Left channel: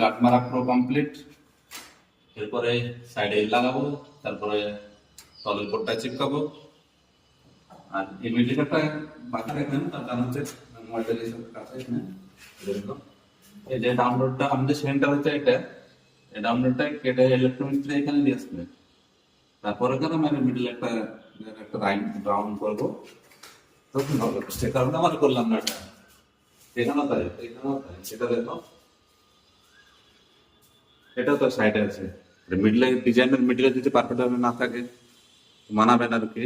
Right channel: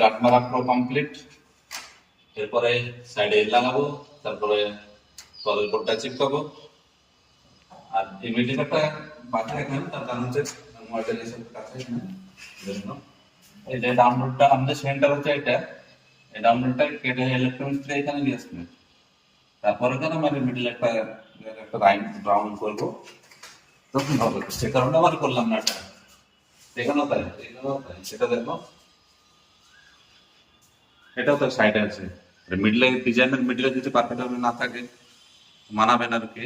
গাঁট মারা পুরো কমপ্লিট। এরপরে সাইডে লাগাবো, তারপরে তলের কোটটা চিপকাবো। আর এই মিডিয়াটা বাকি রাখবেন, তার কারণ হচ্ছে মডেলের সাথে কাছে এই যে ডাউনলোডটা আমাদের সেন্টার হচ্ছে এটা, এই ডাউনলোডটা কেটে ইলেকট্রনিক্স এখানে নিয়ে আসবে। তারপরে কেন আমি মিডল একটা রাউন্ড করবো, তখন হবে। সে কারণে আমার করলাম না এটা। এখানেও তাই, এখানেও তাই, সেটা দেখো, এটাও তো সাইডে আছে। মিডলে ডিজাইনের মিডলে যদি পারফেক্ট ভাবে না থাকে মানাবে না আর কি।